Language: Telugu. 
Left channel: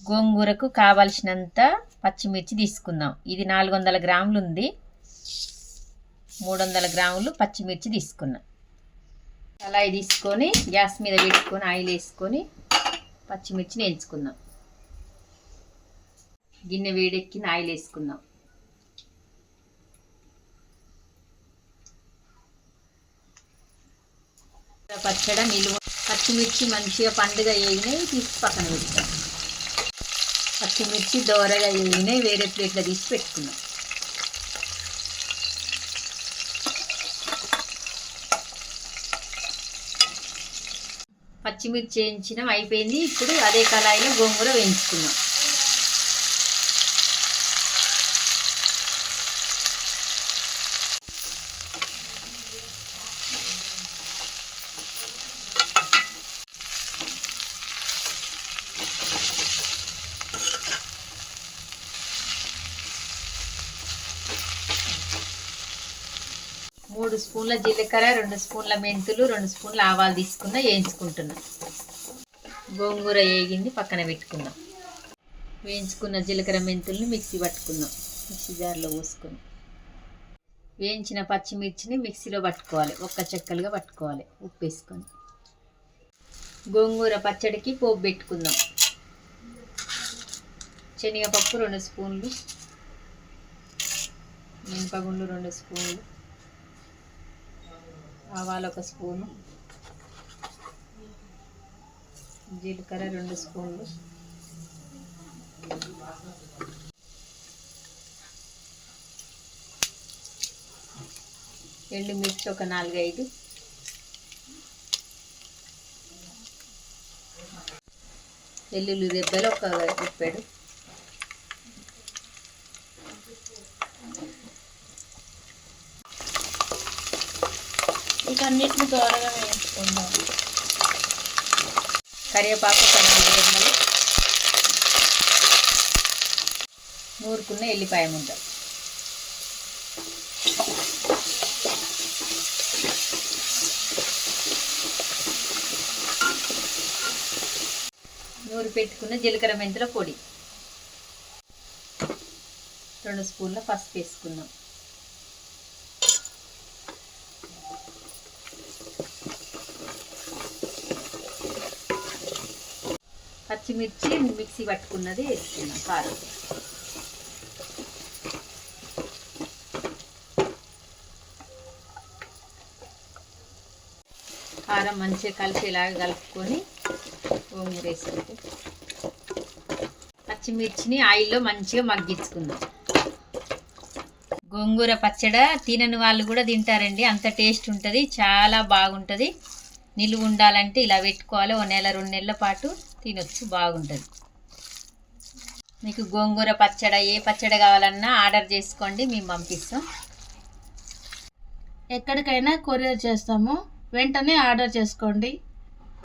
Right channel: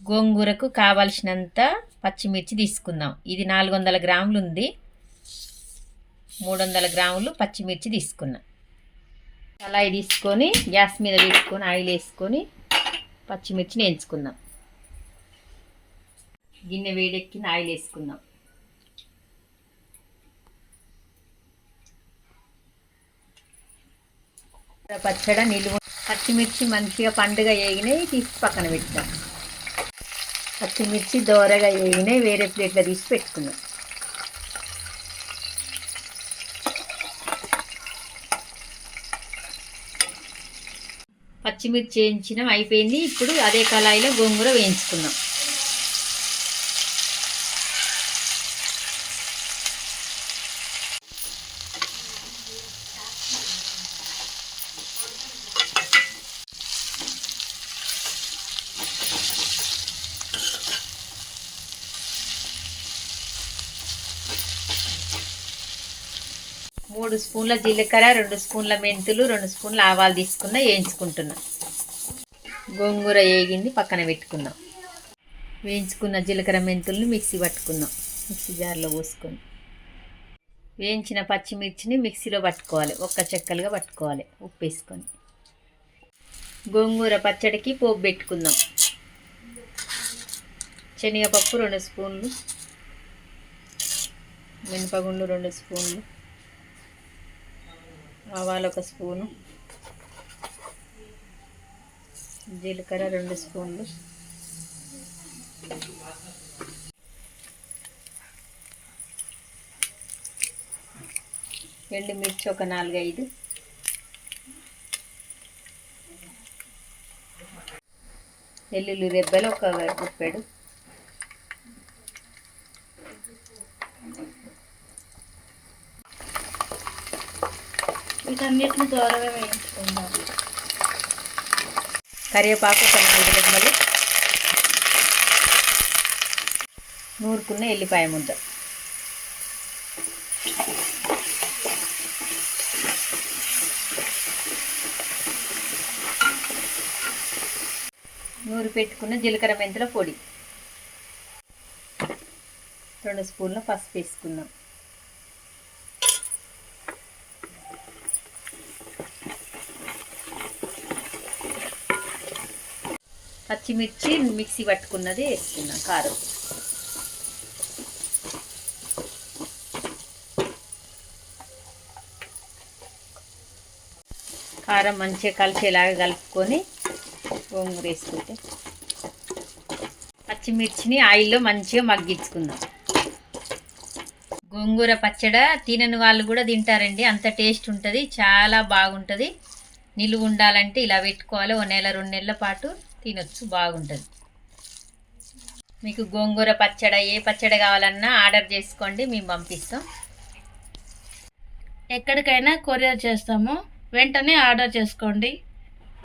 గోంగూరకు కావలసినంత పచ్చిమిర్చి తీసుకుందాం. ఇది నాలుగు వందల గ్రాములు ఉంది మూడు వందల గ్రాములు పచ్చిమిర్చి తీసుకున్నా. కళాయి తీసుకొని గ్యాస్ మీద పెట్టుకొని ఆయిల్ వేసుకొని పచ్చిమిర్చిని వేయించుకుందాం. గిన్నె వేడెక్కిన ఆయిల్ వేసుకుందాం. పచ్చడ నిలువ పచ్చిమిర్చి మంచిగా పండుగ వేగినవి తీసి పక్కన పెట్టాం పచ్చిమిర్చి దోరగా వేగినాయి వేరే ప్లేట్లో తీసి పెట్టుకున్నాం. పచ్చిమిర్చి వేయించినాం అయిపోయింది. ఇప్పుడు అదే కళాయిలో గోంగూర వేయించుకున్నాం. మూడు స్పూన్ల జీలకర్ర రెండు స్పూన్ల మెంతులు రెండు స్పూన్ల ఆవాలు తీసుకున్న వేయించుకుంటున్నా. గోంగూర వేగింది పక్కన పెట్టుకుందాం వేయించుకున్న జీలకర్ర మెంతుల్ని మిక్సీ పట్టుకుందాం మిక్సీ జార్లో పోసుకొని వేయించిన పచ్చిమిర్చిని మిక్సీలో పట్టుకోవాలి. ఒక్క చెక్కలుగా పట్టుకోవాలి. ఉప్పు వేసుకొని. గోంగూర పచ్చడికి పోపు పెట్టుకుందాం. శనగపప్పు రెండు స్పూన్లు. మినపగుండు రెండు స్పూన్లు. ఆవాలు ఒక స్పూను. జీలకర్ర రెండు స్పూన్లు. ఎండుమిర్చి ఒక నాలుగైదు. వెల్లుల్లి రెబ్బలు ఒక గుప్పెడు వీటన్నిటిని దూరంగా వేయించుకుందాం. కరివేపాకు ఒక నూరుకున్న ఎల్లిపాయ ముద్ద. నూరు పెట్టుకున్న జీలకర్ర మెంతుల పొడి. రెండు స్పూన్ల పసుపు వేసుకున్నాం పచ్చిమిర్చి మిక్సీ పట్టుకున్నది వేసుకున్నాం కారం. కారం మంచిగా కలిసేలాగా కలుపుకొని గోంగూర వేసుకుంటే. పచ్చిమిర్చిని ఆయిల్లో మంచిగా మగ్గించుకుందాం. గోంగూర పచ్చడ తినని వాళ్ళు కూడా తింటారండి. అంత టేస్ట్ ఉంటుంది చాలా బాగుంటుంది. నిలువ ఉండాలంటే ఇలా పెట్టుకోవాలి ఓ నెల రెండు నెలల పాటు. తినొచ్చు బాగుంటుంది. మీకు గోంగూర పచ్చడ ఏ పచ్చడి కావాలన్నా ఆర్డర్ చేసుకోండి మేము పంపిస్తాం. ఎక్కడికైనా కొరియర్ చేస్తాము వెంటనే ఆర్డర్ చేసుకోండి.